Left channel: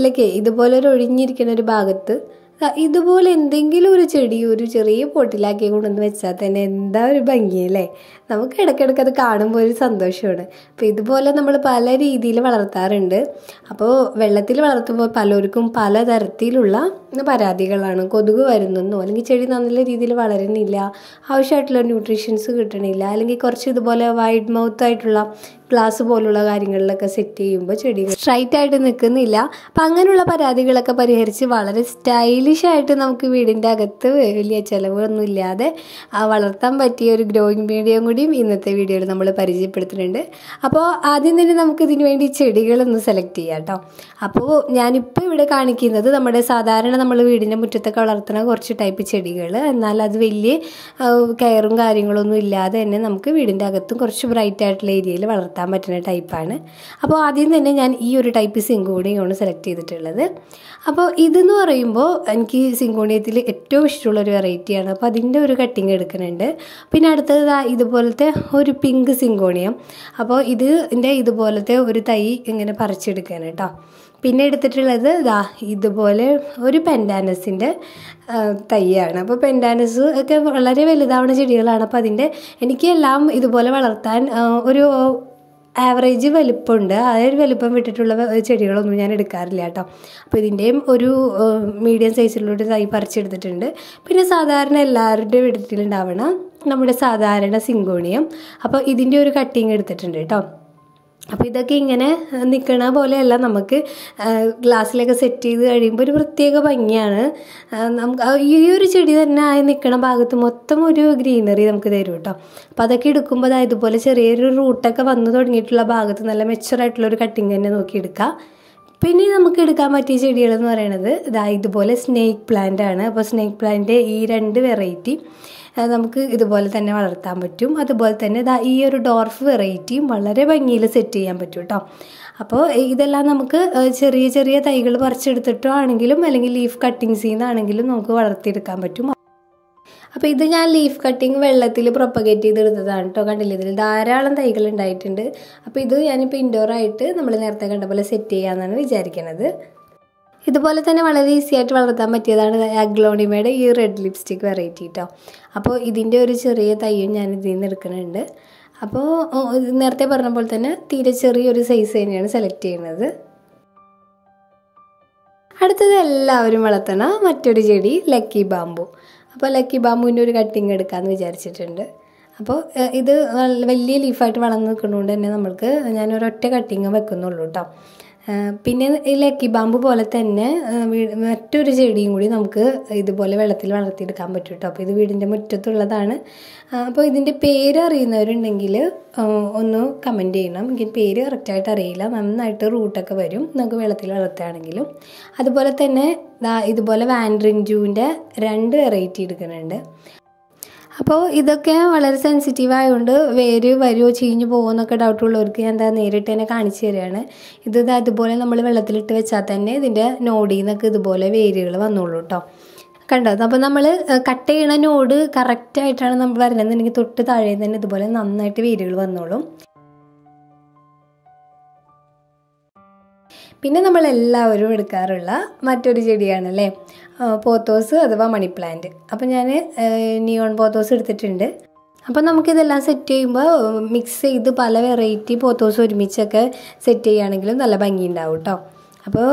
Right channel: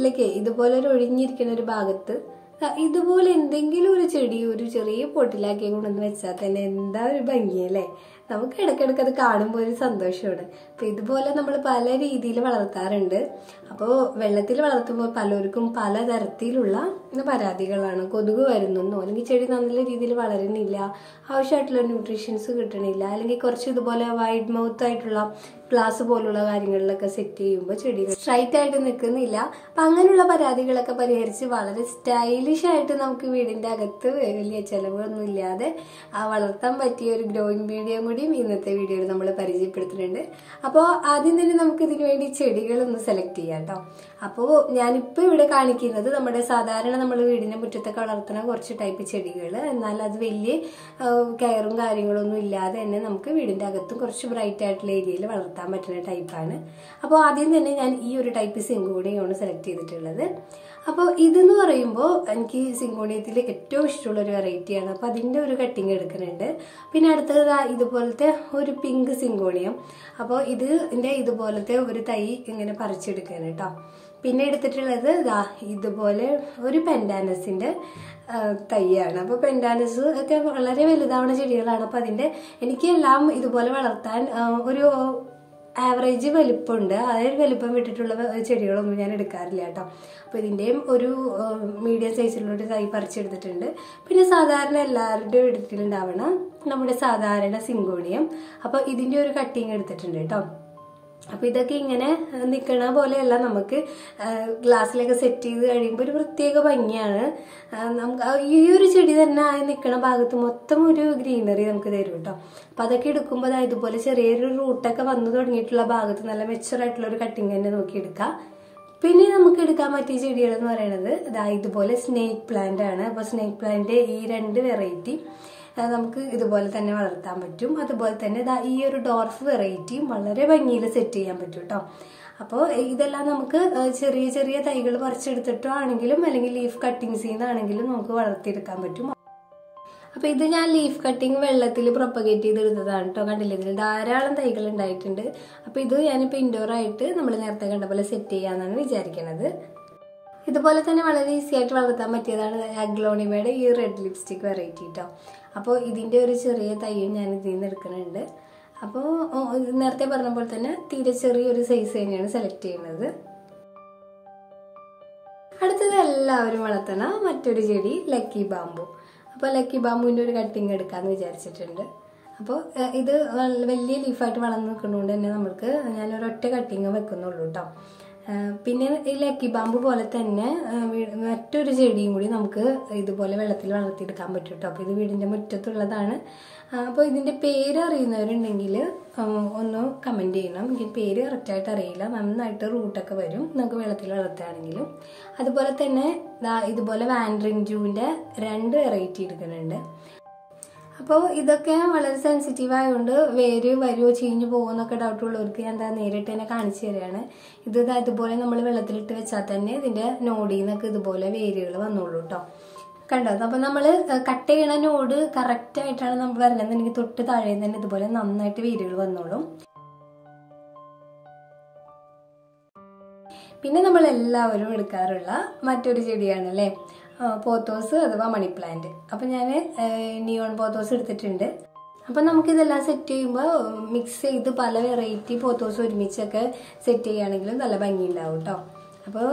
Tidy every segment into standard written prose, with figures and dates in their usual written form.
വീട്ടിലേക്ക് ഇതുപോലെ ഒരു ഒഴിഞ്ഞിരിക്കുന്ന ഒരു ഭാഗത്ത് ഇതുപോലെ എന്തെങ്കിലും ഒരു ചെടി ഒരു ചെറിയ പോട്ടിലാക്കി കൊണ്ടുവന്ന് വെച്ചാൽ തന്നെ എന്താ ഒരു ഭംഗിയല്ലേ. നമുക്ക് ഇടയ്ക്കിടയ്ക്ക് അത് കാണുമ്പോൾ ഒരു സന്തോഷമാണ്. അപ്പോൾ ഇതുപോലെ നമ്മൾ പല രീതിയിൽ വളർത്താറുണ്ട്. അപ്പോൾ വെള്ളത്തിൽ വളർത്തുമ്പോൾ പലർക്കും പലതരത്തിലുള്ള പരാതികളാണ്. കൊതുക് വരുന്നെന്നോ, അല്ലെങ്കിൽ ചെടി നല്ല രീതിയിൽ വളരുന്നില്ല, ആവശ്യമായിട്ടുള്ള ന്യൂട്രീഷൻസ് കിട്ടണില്ല, അല്ലെങ്കിൽ കുറച്ച് ഇതുപോലെ വൈഡ് മൗത്ത് ആയിട്ടുള്ള ഗ്ലാസ് പോലുള്ള കാര്യങ്ങളിലൊക്കെ സെറ്റ് ചെയ്യുമ്പോൾ ചെടികൾ സ്ട്രൈറ്റ് ആയിട്ട് നിൽക്കുന്നില്ല. അപ്പം അങ്ങനെയുള്ള പരാതികളൊക്കെ പരിഹരിച്ച് വളരെ സ്റ്റൈലിഷായിട്ട് നമുക്ക് വീടിൻ്റെ അകത്ത് വലിയ ചിലവൊന്നും ഇല്ലാതെ വളർത്താൻ പറ്റിയ ഒരു ഗ്രോയിങ് മീഡിയം കൂടിയും ഇന്നത്തെ വീഡിയോയിൽ നമ്മൾ പരിചയപ്പെടുത്തുന്നുണ്ട്. അപ്പോൾ ആദ്യം തന്നെ നമുക്ക് ഇതിനു വേണ്ടി ചെടികളൊന്ന് സെലക്ട് ചെയ്യാം കേട്ടോ. അപ്പോൾ ഞാനിപ്പോൾ ഇവിടെ കാണിക്കുന്നത് നമ്മുടെ സാധാരണ നമ്മൾ വീടിൻ്റെ മുറ്റത്തൊക്കെ വളർത്തുന്ന കുറച്ച് ടൈപ്പ് ചെടികൾ, എന്നാൽ അത് വലിയ കെയറും കാര്യങ്ങളൊന്നും ഇല്ലാതെ തന്നെ നമുക്ക് വീടിൻ്റെ അകത്തും കുറച്ച് ബ്രൈറ്റ് ആയിട്ടുള്ള ഏരിയയിൽ വളർത്താൻ പറ്റുന്ന ടൈപ്പാണ്. അപ്പോൾ ആദ്യം തന്നെ ഞാൻ ഈ ഒരു ടൈപ്പ് സിങ്കോണിയാണ് സെലക്ട് ചെയ്തിട്ടുള്ളത്. അപ്പോൾ ഇതെന്ന് പറയുമ്പോൾ എനിക്ക് സിങ്കോണിയത്തിൽ ഏറ്റവും ഇഷ്ടമുള്ളൊരു വെറൈറ്റിയാണ്. അപ്പോൾ അതിൻ്റെ ഒരു കട്ടിങ് എടുക്കുന്നുണ്ട്. പിന്നെ അടുത്തത് ഇതുപോലത്തെ ഒരു പിങ്ക് സിങ്കോണിയം. അപ്പോൾ ഇതിൻ്റെ ഇതുപോലത്തെ ഒരു തൈ ഇങ്ങനെ പറിച്ചെടുക്കുകയാണ് കേട്ടോ. പിന്നെ എടുത്തിട്ടുള്ളത് ഇതുപോലെ ഒരു പെൻഡാനസിൻ്റെ തൈയാണ്. അപ്പോൾ പെൻഡാനസ് ഒക്കെ വളരെ വലുതാവുന്ന ചെടികളാണ്. അപ്പോൾ എനിക്ക് എല്ലാം ഇതുപോലെ വളർത്താൻ ഒരു ആവറേജ് വലിപ്പമുണ്ട്. ആ ഒരു വലിപ്പം വിട്ടിട്ടുള്ള ചെടികളൊന്നും ഞാൻ എടുക്കാറില്ല കേട്ടോ. അപ്പോൾ ഇതിൻ്റെയും ഒരു മീഡിയം സൈസിലുള്ള തൈ പറിച്ചെടുത്തിട്ടുണ്ട്. പിന്നെ സാധാരണ എല്ലാവരുടെയും വീട്ടിലുണ്ടാവണ നമ്മുടെ സാധാരണ സിങ്കോണിയം, അപ്പോൾ ഇതിൻ്റെ ഒരു കട്ടിങ് എടുത്തിട്ടുണ്ട് കേട്ടോ. അപ്പോൾ ഇതൊക്കെ ഇങ്ങനെ നിൽക്കണ പോലെയല്ല, നമുക്ക് ഗ്ലാസ്സിലൊക്കെ സെറ്റ് ചെയ്ത് കഴിയുമ്പോൾ ഒരു പ്രത്യേക ഭംഗിയാണ്. നമുക്ക് ഈ ഒരു ചെടി തന്നെ ആയി നിൽക്കണ ഭാഗത്ത് മൊത്തം ഒരു ഗ്രീനറി നമുക്ക് തരും കേട്ടോ. അപ്പോൾ അതൊക്കെ എടുക്കുമ്പോൾ ഇതുപോലെ ചെറിയൊരു റൂട്ടൊക്കെ വന്നു തുടങ്ങിയിട്ടുള്ള ഭാഗത്ത് നല്ല മെച്ചുറായിട്ടുള്ളൊരു കട്ടിങ് തന്നെ നോക്കിയെടുക്കാം. പിന്നെ നമുക്ക് എടുക്കാൻ പറ്റിയ ചെടികളെന്ന് പറയുന്നത് ഇതുപോലെ സ്നേക്ക് പ്ലാന്റ് ആണ്. അപ്പോൾ സ്നേക്ക് പ്ലാന്റിൻ്റെ ഈ 2 വെറൈറ്റി നമുക്ക് ഇതുപോലെ തന്നെ വളർത്താൻ പറ്റും. അതുപോലെ തന്നെ ഈ ഒരു ഡോർഫ് വെറൈറ്റിയും വളരെ ഭംഗിയിൽ സെറ്റ് ചെയ്യാൻ പറ്റും കേട്ടോ. അപ്പോൾ ഇതെല്ലാം നമുക്ക് ചെറിയ ചെറിയ തൈകൾ പറിച്ചെടുത്തിട്ടോ ആണെങ്കിലും അല്ലെങ്കിൽ ലീഫ് കട്ടിങ്സിൽ നിന്നാണെങ്കിലും നമുക്ക് വളർത്തിയെടുക്കാൻ പറ്റും. അപ്പോൾ ഇത് ഞാൻ ലീഫ് കട്ടിങ് വെള്ളത്തിൽ പ്രൊപ്പഗേറ്റ് ചെയ്തെടുത്തതാണ് കേട്ടോ. കണ്ടില്ല, ഇതിൽ ധാരാളം തൈകൾ ഉണ്ടായിട്ടുണ്ട്. അപ്പോൾ ഇത് ഞാനിപ്പോൾ ഇൻഡോറായിട്ട് നമ്മൾ നേരത്തെ കണ്ട പോലെ സെറ്റ് ചെയ്യാമെന്നാണ് വിചാരിക്കുന്നത്. ഇതുപോലെ തന്നെ വളരെ ഈസി ആയിട്ട് വളർത്താൻ പറ്റിയതാണ് അഗ്ലോണിമയുടെ ഈ റെഡ് ലിപ്സ്റ്റിക് വെറൈറ്റി കേട്ടോ. അപ്പോൾ ഇതിൻ്റെ ഒരു ചെറിയ തൈയും ഞാൻ ഇതിൽ നിന്ന് എടുക്കുന്നുണ്ട്. അപ്പോൾ നേരത്തെ പറഞ്ഞ പോലെ തന്നെ തീരെ ചെറിയൊരു സൈസ് തന്നെയാണ് സെലക്ട് ചെയ്യുന്നത്. അടുത്തത് എല്ലാവരും വളർത്തണ മറ്റൊരു ചെടി ലക്കി ബാമ്പു. അപ്പോൾ ലക്കി ബാമ്പുവിൻ്റെ ഒരു കട്ടിങ് എടുക്കാമെന്ന് വിചാരിച്ചിട്ടുണ്ട്. അപ്പോൾ ഇത് വലിയ ലീഫായിട്ട് വളർന്ന് നിൽക്കുന്നതുകൊണ്ട് തന്നെ നമുക്ക് ഞാനൊരൊറ്റ കട്ടിങ് വെക്കുന്നുള്ളൂ കേട്ടോ. പിന്നെ ഈ ലക്കി ബാമ്പു പോലെ തന്നെ മറ്റൊരു ചെടിയും കൂടി നമുക്ക് ഇതുപോലെ വെള്ളത്തിൽ വളർത്തിയെടുക്കാൻ പറ്റും കേട്ടോ. അപ്പോൾ ഇത് വീടിൻ്റെ മുറ്റത്തുള്ളതാണ്. അപ്പോൾ ഇതിൻ്റെ പേര് അറിയുന്നവരുണ്ടെങ്കിൽ ഒന്ന് കമൻറ്റ് ചെയ്യണം. എനിക്ക് പേര് കറക്റ്റായിട്ട് അറിയില്ല. നന്നായിട്ട് റൂട്ടൊക്കെ വരും നമുക്ക് വെള്ളത്തിൽ വളർത്തുകയാണെങ്കിലും. അതുപോലെ തന്നെ ഇതുപോലെ വാൻഡ്രിങ് ജൂവിൻ്റെ 2 വെറൈറ്റി എടുക്കുന്നുണ്ട്. അപ്പോൾ ഇതൊക്കെ വളരെ സെൻസിറ്റീവ് ആയതുകൊണ്ട് വേര് വരുമോ ചീഞ്ഞു പോകുമോ എന്നൊക്കെ ഡൗട്ടുള്ളവർക്ക് ഞാൻ നേരിട്ട് തന്നെ കാണിച്ചു തരികയാണ്. ഇതുപോലെ നമ്മൾ വെള്ളത്തിലിട്ട് വെച്ചാൽ തന്നെ ഇതിൻ്റെ നോഡിൽ നിന്നൊക്കെ ഇതുപോലെ വേരുകൾ വന്നോളൂ കേട്ടോ. കണ്ടോ? അപ്പോൾ നമ്മൾ കട്ട് ചെയ്യണ നോഡ് കറക്റ്റായിട്ടാണ് നമ്മൾ വരുന്നതെന്നുണ്ടെങ്കിൽ തൊട്ട് താഴെ തന്നെ ഇതുപോലെ നന്നായിട്ട് വേരുകൾ വന്നോളും. പിന്നെ നമ്മളെല്ലാവരും എടുക്കാറുള്ള മറ്റൊരു ചെടിയാണല്ലേ പോത്തോസ് അഥവാ മണി പ്ലാന്റ്. അപ്പോൾ ഞാൻ നിയോൺ പോത്തോസ് എടുത്തിട്ടുണ്ട്. അപ്പോൾ നമുക്കിതെല്ലാം സെറ്റ് ചെയ്യുമ്പോൾ മിക്സ് ചെയ്ത് പല വെറൈറ്റി പോത്തോസ് ഒരുമിച്ചൊക്കെ സെറ്റ് ചെയ്യുകയാണെങ്കിലും നല്ല ഭംഗി ഉണ്ടാവും കേട്ടോ. അപ്പോൾ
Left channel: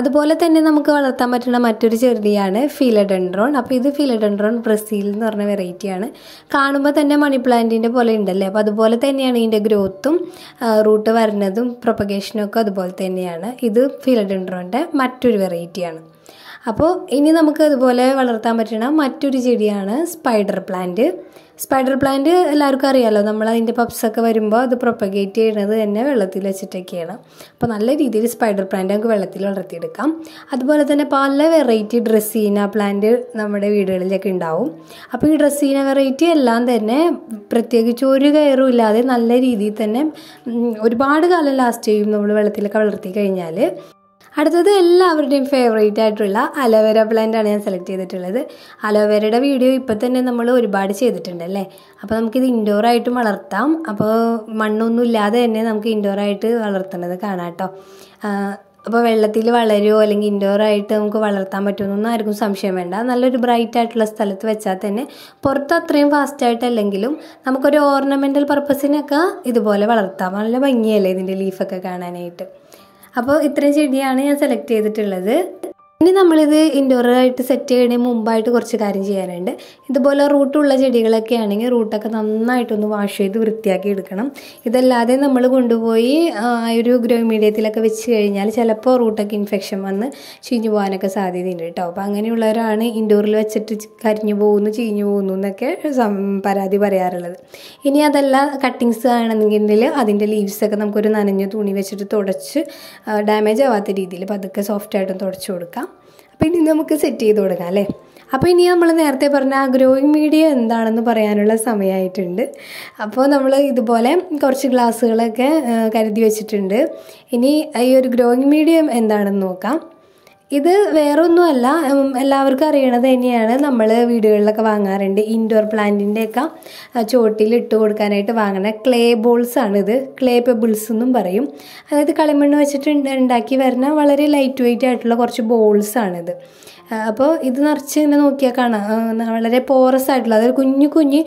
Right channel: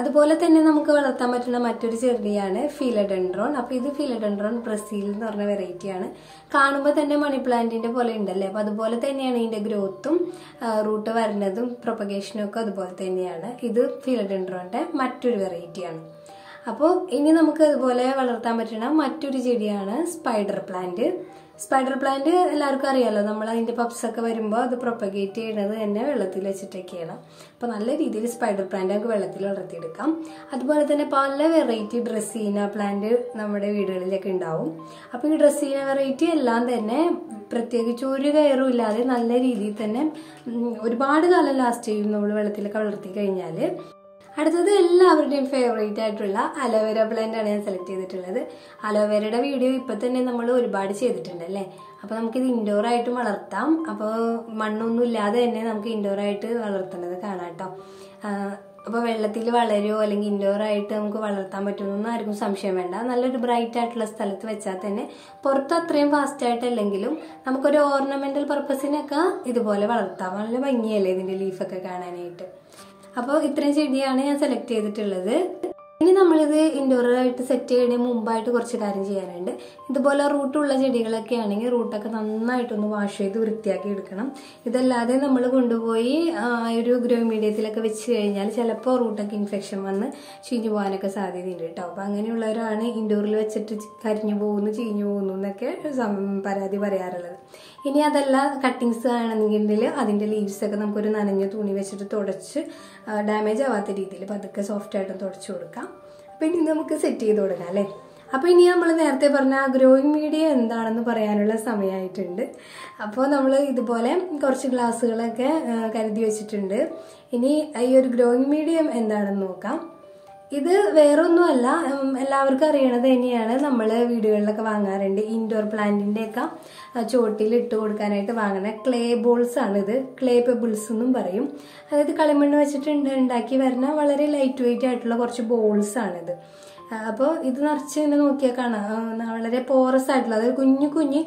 അതുപോലെ തന്നെ നമുക്ക് വളർത്താൻ പറ്റുന്ന മറ്റൊരു ചെടിയാണ് ഫിലഡെൻഡ്രോൺ. അപ്പോൾ ഇത് ഫിലഡെൻഡ്രോൺ ബ്രസീൽ എന്ന് പറഞ്ഞ വെറൈറ്റിയാണ്. കാണുമ്പോൾ തന്നെ മണി പ്ലാന്റിൻ്റെ പോലെ ഉണ്ടല്ലേ. അപ്പോൾ അതുപോലെ തന്നെയാണ് ഇതിൻ്റെ ഗ്രോത്തും റൂട്ട് വരുന്നതും പ്രൊപ്പഗേഷനും ഒക്കെ അതുപോലെ തന്നെയാണ്. ഇത് ഫിലഡെൻഡ്രോണിൻ്റെ മറ്റൊരു വെറൈറ്റിയാണ്. അപ്പോൾ ഇനി നമുക്ക് അതുപോലെ വളർത്താൻ പറ്റുന്ന മറ്റൊരു ചെടിയാണ് സ്പൈഡർ പ്ലാന്റ്. സ്പൈഡർ പ്ലാന്റ് എല്ലാവർക്കും അറിയാമല്ലോ. നമ്മൾ അതിൻ്റെ പപ്സൊക്കെ വരുമ്പോൾ അത് പ്രൊപ്പഗേറ്റ് ചെയ്യുന്നത് തന്നെ വെള്ളത്തിൽ വെച്ചിട്ടൊക്കെയാണ്. അപ്പോൾ നല്ല രീതിയിൽ സ്പൈഡർ പ്ലാന്റ് നമുക്ക് വെള്ളത്തിൽ വളർത്തിയെടുക്കാം. അതുപോലെ തന്നെ പല വെറൈറ്റി ഡ്രസ്സീന പ്ലാന്റ് നമ്മുടെ വീടുകളിലൊക്കെ ഉണ്ടാവും. അപ്പോൾ ഈ ഡ്രസ്സീന വെറൈറ്റി എല്ലാം തന്നെ പ്രത്യേകിച്ച് ഒരു കെയറും ഇല്ലാതെ നല്ല രീതിയിൽ തന്നെ ഒരുപാട് കാലം ലാസ്റ്റ് ചെയ്യും നമ്മൾ വെള്ളത്തിലൊക്കെ വളർത്തി കഴിഞ്ഞാൽ. അടുത്തത് എല്ലാവരുടെയും ഫേവറേറ്റ് ആയിട്ടുള്ള അലോവേര പ്ലാന്റ് ആണ് ഞാൻ സെലക്ട് ചെയ്തിട്ടുള്ളത്. അലോവേരയുടെ വീഡിയോ ഇപ്പോൾ തന്നെ നമ്മൾ ഒരുപാട് ചെയ്തിട്ടുണ്ടല്ലേ. അപ്പോൾ നമുക്കിത് ഇൻഡോറായിട്ടും വളർത്താം. അപ്പോൾ മണ്ണൊന്നും ഇല്ലാതെ തന്നെ നമുക്ക് ഇൻഡോറായിട്ട് വളർത്തുന്നത് കാണാം കേട്ടോ. അപ്പോൾ വെള്ളത്തിൽ വളരുമോ അല്ലെങ്കിൽ ഇൻഡോറായിട്ട് നമുക്ക് വളർത്താൻ പറ്റുമെന്നൊന്നും ആർക്കും സംശയം വേണ്ട. നല്ലൊരു ബ്രൈറ്റ് ആയിട്ടുള്ള സ്ഥലത്ത് വെച്ചാൽ തന്നെ പുറത്ത് അത്രയും ഫാസ്റ്റായിട്ടല്ലെങ്കിലും നമുക്കൊരു ഓർണമെൻ്റൽ പർപ്പസിനൊക്കെ ഇതുപോലെ വളർത്താം. നല്ല ഭംഗിയല്ലേ ഇതിൻ്റെ ലീഫൊക്കെ കാണാനായിട്ട്. അപ്പോൾ ഇത്രയും ചെടിയാണ് ഞാൻ സെലക്ട് ചെയ്തിട്ടുള്ളത്. ഇനി നമ്മളിത് ഇൻഡോറായിട്ട് സെറ്റ് ചെയ്യുന്നതിന് മുമ്പായിട്ട് കുറച്ച് കാര്യം ചെയ്യാനുണ്ട്. ഇതുപോലെ റൂട്ടുള്ള ചെടികളൊക്കെ ആണെങ്കിൽ റൂട്ടൊക്കെ നന്നായിട്ടൊന്ന് വാഷ് ചെയ്ത് വൃത്തിയാക്കി എടുക്കണം. ഇതല്ലാതെ നമ്മൾ കൊണ്ടുപോയി ഒരു ഗ്രോ മീഡിയത്തിലൊക്കെ വെച്ച് കഴിഞ്ഞാൽ ചിലപ്പോൾ റൂട്ടൊക്കെ ഇൻഫെക്ഷൻ വന്ന് ചീഞ്ഞു പോകാനൊക്കെ സാധ്യതയുണ്ട് കേട്ടോ. അപ്പോൾ അങ്ങനെയുള്ളവരാണ് ഇൻഡോറിൽ വെച്ചിട്ട് കരിഞ്ഞു പോകുന്നു, ചീഞ്ഞു പോകുന്നു എന്നൊക്കെ പരാതി പറയാറുള്ളത്. ഇനി അതല്ല കട്ടിങ്സ് ആണെന്നെങ്കിൽ അതിൻ്റെ ലീവ്സൊക്കെ നമുക്കൊരു നനഞ്ഞ തുണി വെച്ചിട്ട് തുടച്ച് ഡാമേജ് ആവാത്ത രീതിയിൽ പതുക്കെ സോഫ്റ്റായിട്ടും തുടച്ച് കൊടുക്കാം. അപ്പോൾ ഇനി നമുക്ക് സെറ്റ് ചെയ്ത് കൊടുക്കാം അല്ലേ. അപ്പോൾ ഇനി നമ്മൾ നേരത്തെ പറഞ്ഞ ആ ഗ്രോയിങ് മീഡിയം എന്താണെന്ന് പറയാനുള്ള സമയമായിട്ടുണ്ട്. അപ്പോൾ നമ്മൾ ഇതുപോലെ കുറച്ച് ഗ്ലാസ്സുകളൊക്കെ കരുതി വെച്ചിട്ടുണ്ട്. ഇനി ഈ ഒരു ഗ്രോയിങ് മീഡിയം എന്താണെന്ന് നോക്കാം. ഇത് വേറൊന്നുമല്ല, എല്ലാവർക്കും അറിയണത് തന്നെയാണ്. നമ്മൾ വീടുകളിലൊക്കെ വാങ്ങാറുണ്ട്. ഇൻഡോർ പ്ലാന്റിൻ്റെയൊക്കെ ചോട്ടിൽ ഇട്ട് കൊടുക്കാനായിട്ട് വാങ്ങുന്ന ക്ലേ ബോൾസാണ് ഇത്. ക്ലേ പെബിൾസ് എന്നും പറയും. അതായത് കളിമണ്ണ് വെച്ചിട്ട് ഉണ്ടാക്കി വരുന്ന വളരെ ലൈറ്റ് വെയിറ്റ് ആയിട്ടുള്ള കുറച്ച് ബോൾസാണിത്. അപ്പോൾ ഇത് നിറച്ച് ഇങ്ങനെ നോക്കിയാൽ കാണാം, വളരെ പോറസ് ആയിട്ടുള്ള, അതായത് കുഞ്ഞു കുഞ്ഞു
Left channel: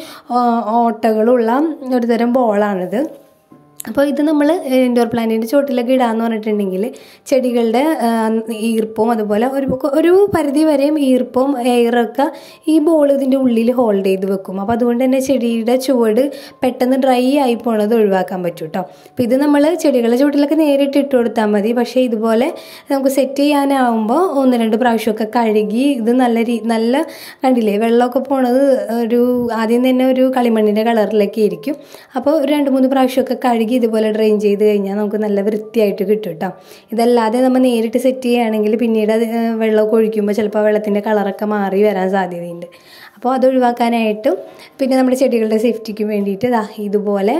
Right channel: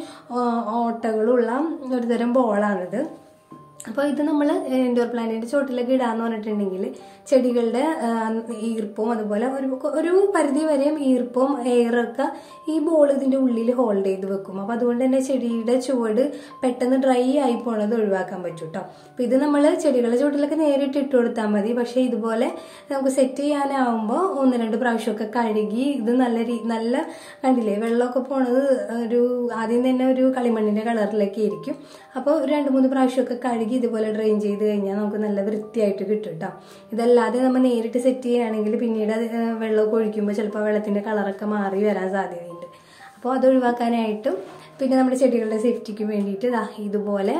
ഓട്ടകളുള്ള ഒരു തരം ബോളാണിത്. അപ്പോൾ ഇത് നമ്മൾ ഇൻഡോർ പ്ലാന്റിൻ്റെ ചോട്ടിലൊക്കെ ഇടാമെന്ന് പറഞ്ഞിട്ടുണ്ടെങ്കിൽ ചെടികളുടെ ഈർപ്പവും അതുപോലെ ഒരു പരിധി വരെയും ഈർപ്പവും എയറൊക്കെ ഈ ബോൾ ഇതിൻ്റെ ഉള്ളിൽ ഹോൾഡ് ചെയ്ത് വെക്കും. അപ്പോൾ അതുകൊണ്ട് തന്നെ ചെടിയുടെ ചുവട് പെട്ടെന്ന് ഡ്രൈ ആയി പോണത് ഒഴിവാക്കാൻ പറ്റും കേട്ടോ. അപ്പോൾ ഇത് നമ്മൾ ചെടികളുടെ ചോട്ടിലൊക്കെ നേരിട്ട് ഇട്ട് കൊടുത്താൽ മതി. പക്ഷേ ഇതുപോലെ നമുക്ക് സെറ്റ് ചെയ്യാനാവുമ്പോൾ 1-2 പ്രാവശ്യമൊക്കെ കഴുകി ഇത് നല്ല കണ്ടില്ലേ വെള്ളമൊക്കെ പോണത് ഒരു ആദ്യം തന്നെ ഒരു കളിമണ്ണിൻ്റെ കളറിലൊക്കെ ഇരിക്കും. അപ്പോൾ ഒരു 2-3 പ്രാവശ്യമൊക്കെ കഴുകി ഇതുപോലെ ഡ്രെയിൻ ചെയ്ത് കഴിഞ്ഞാൽ നമുക്ക് നല്ല വൃത്തിയായിട്ട് കിട്ടും കേട്ടോ. ഇതല്ലാതെ നമ്മൾ നേരിട്ട് സെറ്റ് ചെയ്യുകയാണെങ്കിൽ പിന്നീട് വെള്ളമൊക്കെ ഒഴിക്കുമ്പോൾ ചിലപ്പോൾ വെള്ളത്തിൻ്റെ കളറൊക്കെ മാറി വരാൻ സാധ്യതയുണ്ട്. അപ്പോൾ അത് ഒഴിവാക്കാനായിട്ടും പിന്നെ നമ്മുടെ ചെടികളുടെ സേഫ്റ്റിക്കും വേണ്ടിയിട്ട് ഇതുപോലെ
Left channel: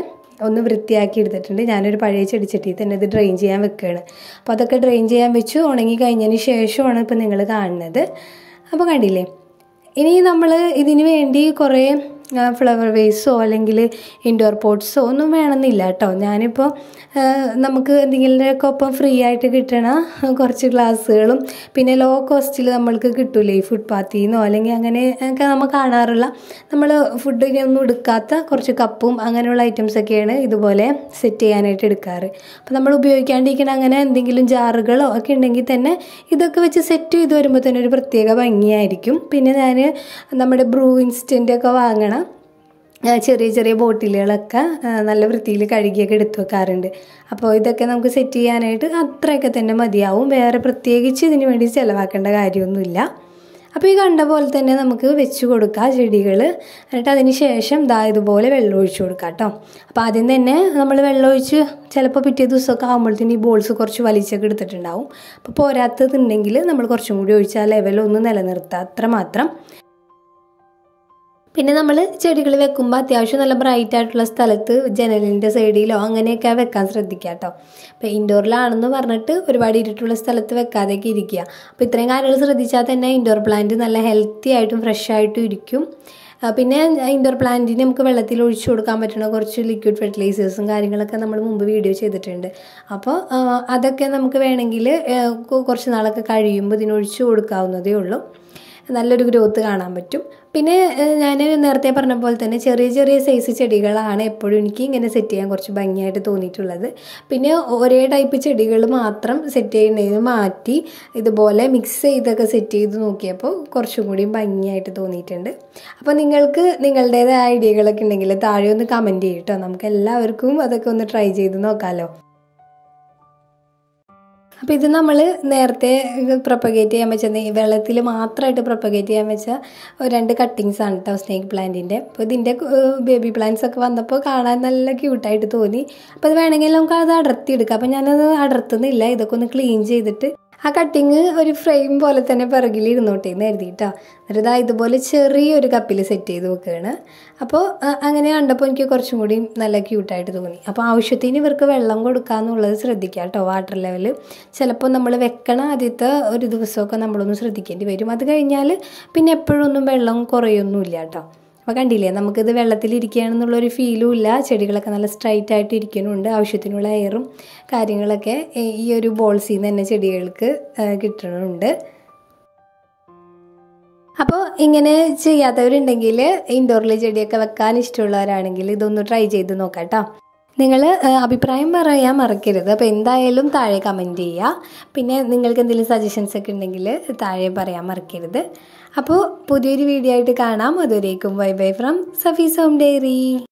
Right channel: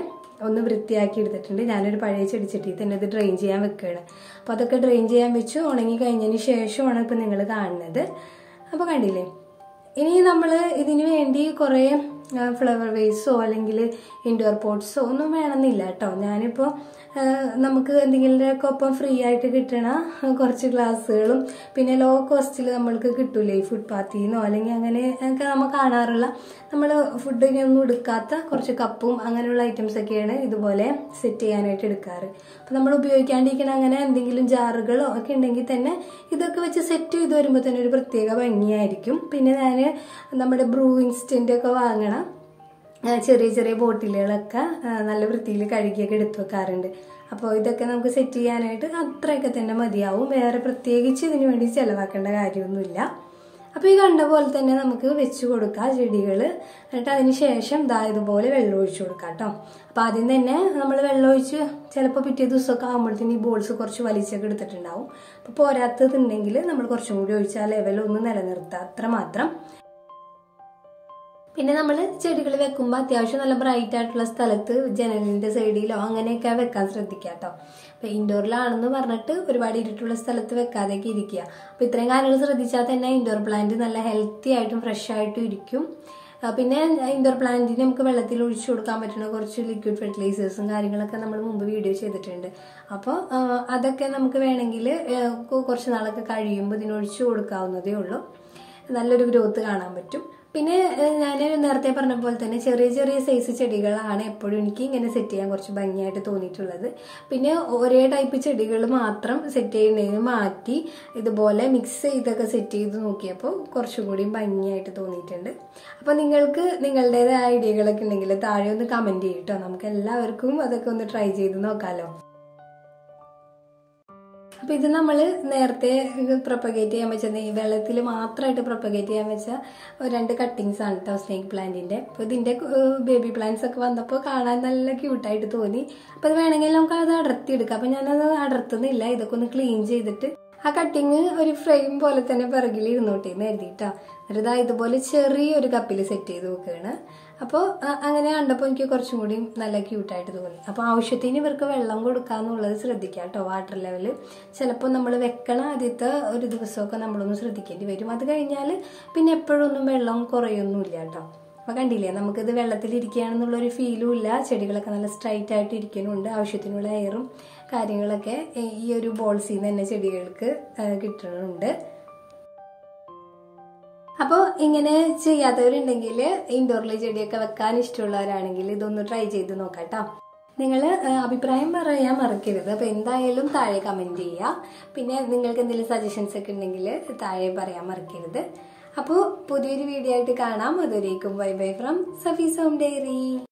ഒന്ന് വൃത്തിയാക്കി എടുത്തിട്ടുണ്ട്. ഞാനൊരു പഴയ ചെടിച്ചട്ടിയിൽ തന്നെ ഇത് ഡ്രെയിൻ ചെയ്യാൻ വെക്കുകയാണ്. അപ്പോൾ അതൊക്കെ ഡ്രെയിൻ ചെയ്യാൻ വെച്ചു ഉണങ്ങി കഴിഞ്ഞതിന് ശേഷമാണ് ഇപ്പോൾ നിങ്ങൾ കാണുന്നത്. അപ്പോൾ കണ്ടില്ലേ, ഇനി നമ്മൾ ഇതിന് വേണ്ടി കുറേ ഫ്ലവർ വേസോ അല്ലെങ്കിൽ ഇൻഡോർ പോട്ട്സോ ഒന്നും വേണമെന്നില്ല കേട്ടോ. ഞാനിപ്പോൾ നമുക്ക് എന്തെങ്കിലുമൊക്കെ ഒപ്പം ഫ്രീ ആയിട്ട് കിട്ടണ കുറച്ച് ഗ്ലാസ്സുകളും പിന്നെ ലോ കോസ്റ്റിൽ നമ്മൾക്ക് കിട്ടൂലേ ഈ ഫുട്പാത്തിൽ നിന്നോ അല്ലെങ്കിൽ അങ്ങനെയൊക്കെ നമ്മൾ കാണാറുള്ള നമ്മൾ ഫുഡിനൊന്നും എടുക്കാത്ത കുറച്ച് കപ്പും അങ്ങനെയുള്ള ഐറ്റംസൊക്കെയാണ് ഇതുപോലെ സെറ്റ് ചെയ്യാനായിട്ട് എടുക്കാറ്. അപ്പോൾ നമ്മൾ ഉപയോഗിക്കാണ്ടിരിക്കുന്ന അങ്ങനെ എന്തെങ്കിലും ജാറുകളോ ഒക്കെ ഉണ്ടെങ്കിൽ തന്നെ ഇതൊക്കെ വെച്ച് സെറ്റ് ചെയ്ത് വരുമ്പോൾ തന്നെ ഒരു പ്രത്യേക ഭംഗിയായിരിക്കും. പിന്നെ ഞാൻ നമ്മുടെ ബ്രൂ ഇൻസ്റ്റൻ്റൊക്കെ വാങ്ങണം ചെറിയ ചെറിയ ബോട്ടിലുകളൊക്കെ നല്ല വൃത്തിയിൽ കഴുകിയൊക്കെ എടുത്തു വെക്കാറുണ്ട്. അപ്പോൾ ഇതൊക്കെ നമുക്ക് സെറ്റ് ചെയ്യാനായിട്ട് അത്രയൊക്കെ തന്നെ മതിയാവും. വേറെ പ്രത്യേകിച്ച് ഇതിന് വേണ്ടി ചിലവാക്കേണ്ട കാര്യമൊന്നുമില്ല. അപ്പോൾ ഈ കണ്ട പോലെ തന്നെ നമുക്ക് വെച്ച് കൊടുക്കാം ചെടികൾ. എന്നിട്ട് അതിന് ശേഷം ഇതുപോലെ വെള്ളം ഒഴിച്ച് കൊടുക്കാം കേട്ടോ. അപ്പോൾ ആദ്യം തന്നെ നമ്മൾ വെള്ളം ഒഴിച്ച് ചിലപ്പോൾ പിറ്റേ ദിവസമൊക്കെ ആകുമ്പോഴത്തേന് ഈ ബോൾസ് കുറച്ച് വലിച്ചൊക്കെ എടുത്തിട്ടുണ്ടാവും. അപ്പോൾ പോരാത്തതുണ്ടെങ്കിൽ നമ്മൾ കുറച്ചും കൂടി ഒഴിച്ചാൽ ലെവലൊന്ന് നിലനിർത്തുക, അത്രമാത്രം. പിന്നെ നമ്മൾ ചെടികൾ വെക്കുമ്പോൾ അത്യാവശ്യം നല്ല ബ്രൈറ്റ് ആയിട്ടുള്ള സ്ഥലത്ത് ജനലിൻ്റെ സൈഡിലോ അങ്ങനെയൊക്കെ വെക്കാൻ ശ്രദ്ധിക്കുക കേട്ടോ. അപ്പോൾ ഇൻഡോറിലാണെന്ന് പറഞ്ഞിട്ട് ഒരുപാട് ഇരുട്ടുള്ള സ്ഥലത്ത് വെക്കാതെയൊക്കെ ഇരിക്കുക. അപ്പോൾ ഇത്രയും കാര്യങ്ങൾ ശ്രദ്ധിച്ചാൽ തന്നെ ഇൻഡോർ പ്ലാന്റ് നല്ല ഹെൽത്തി ആയിട്ടും ഫ്രഷ് ആയിട്ടും ഇരിക്കും. പിന്നെ ഇൻഡോർ പ്ലാന്റിന് നമുക്ക് വെള്ളത്തിൽ ഒഴിച്ചു കൊടുക്കാൻ പറ്റുന്ന കുറച്ച് ലിക്വിഡ് ഫെർട്ടിലൈസേഴ്സും കാര്യങ്ങളൊക്കെ നമ്മൾ മുമ്പ് വീഡിയോ ചെയ്തിട്ടുണ്ട്. അപ്പോൾ അതൊക്കെ നമുക്ക് വേണമെങ്കിൽ കുറച്ച് നാളൊക്കെ കഴിയുമ്പോൾ ഇതിനൊഴിച്ചു കൊടുക്കാവുന്നതേ ഉള്ളൂ. നല്ലൊരു ഗ്രോത്ത് കാണാൻ പറ്റും. പിന്നെ ഞാൻ നേരത്തെ പറഞ്ഞ പോലെ തന്നെ ചെറിയ ചെറിയ സൈസ് ചെടികളാണ് എപ്പോഴും എനിക്ക് ഇങ്ങനെ സെറ്റ് ചെയ്യാൻ കുറച്ച് ഭംഗിയായിട്ട് തോന്നിയിട്ടുള്ളത്. പിന്നെ ഒരേ ടൈപ്പ് ചെടികൾ മാത്രം സെറ്റ് ചെയ്യുന്നതിന് മാറ്റി ഇതുപോലെ മിക്സ് ചെയ്തൊക്കെ സെറ്റ് ചെയ്ത് നോക്കിയപ്പോൾ കുറച്ചും കൂടി ഭംഗിയായിട്ട് തോന്നിയിട്ടുണ്ട്. അപ്പോൾ നിങ്ങൾക്ക് നിങ്ങളുടേതായ ഐഡിയകളൊക്കെ ഉണ്ടെങ്കിൽ താഴെ ഒന്ന് കമൻറ്റ് ചെയ്യും കേട്ടോ. നമുക്ക് എല്ലാവർക്കും അതൊക്കെ ഒന്ന് ട്രൈ ചെയ്ത് നോക്കാമല്ലോ. അപ്പോൾ ഇത് നമ്മൾ നേരത്തെ പ്രൊപ്പഗേറ്റ് ചെയ്യാൻ വെച്ച വെള്ളത്തിൽ മാത്രമായിട്ട് പ്രൊപ്പഗേറ്റ് ചെയ്യാൻ വെച്ച 2 കട്ടിങ്സാണ് കേട്ടോ സ്നേക്ക് പ്ലാന്റിൻ്റെ. അപ്പോൾ ഇതിൻ്റെ ബേബി പ്ലാന്റ്സ് ഒക്കെ വന്നപ്പോൾ കാണാൻ നല്ല ക്യൂട്ടായിട്ട് തോന്നി. അപ്പോൾ അത് വേണമെങ്കിൽ നമുക്ക് അത് അടർത്തിയെടുക്കാം. അപ്പോൾ ഞാനത് അടർത്തുന്നില്ല, ഇതൊക്കെ ഒന്ന് ക്ലീൻ ചെയ്തിട്ട് ആ കട്ടിങ് ഒരു ഫ്രെയിം പോലെ തന്നെ പിറകിൽ ഇരുന്നോട്ടെ എന്ന് കരുതിയിട്ടോ. എന്നിട്ട് ഇതുപോലെ ചെറിയൊരു കപ്പിൽ സെറ്റ് ചെയ്ത് വെക്കുകയാണ്. അപ്പോൾ അങ്ങനെ കണ്ടപ്പോൾ എനിക്ക് കുറച്ചും കൂടി നല്ല ക്യൂട്ടായിട്ട് തോന്നി. അപ്പോൾ ആവശ്യത്തിന് ഇവർക്ക് വെള്ളം കൊടുക്കുക എന്നുള്ളത് ശ്രദ്ധിക്കുക കേട്ടോ. വാട്ടർ ലെവൽ ചിലപ്പോൾ നമ്മൾ വെക്കണ ആദ്യത്തെ ഒരു ദിവസമൊക്കെ നമ്മളൊന്ന് ശ്രദ്ധിക്കേണ്ടി വരും. അത് കഴിഞ്ഞാൽ പിന്നെ എപ്പോഴൊന്നും വെള്ളം കുറയൊന്നുമില്ല കേട്ടോ. അപ്പോൾ കണ്ടില്ലേ, നമുക്കിത് വെള്ളത്തിലിരിക്കുകയാണെന്നുള്ളൊരു ഫീലും ഇല്ല. ചെടികളൊക്കെ നല്ല സ്ട്രൈറ്റ് ആയിട്ട് ഇരിക്കുന്നുണ്ട്. ആവശ്യത്തിനുള്ള എയറും കാര്യങ്ങളൊക്കെ ഈ ഒരു ബോൾസിൽ നിന്ന് തന്നെ ചെടികൾക്ക് കിട്ടുന്നുണ്ട്. അപ്പോൾ ഇങ്ങനെ ചെയ്യാത്തവരുണ്ടെങ്കിൽ, ഇൻഡോറിൽ ചെടിയൊക്കെ വെക്കാൻ ഇഷ്ടമുള്ളവരാണെങ്കിൽ ഇതൊന്ന് ട്രൈ ചെയ്ത് നോക്കാം കേട്ടോ. നിങ്ങൾ അഭിപ്രായം പറയാൻ മറക്കരുത്. അപ്പോൾ എന്തായാലും താഴെ കമൻറ്റ് ചെയ്യുക. പിന്നെ നിങ്ങൾക്ക് എന്തെങ്കിലും സജഷൻസ് ഒക്കെ ഉണ്ടെങ്കിൽ താഴെ പറയാൻ മറക്കരുത്. അപ്പോൾ പുതിയൊരു വീഡിയോ ആയിട്ട് കാണാം. അതുവരേക്കും bye bye from Safees home diary.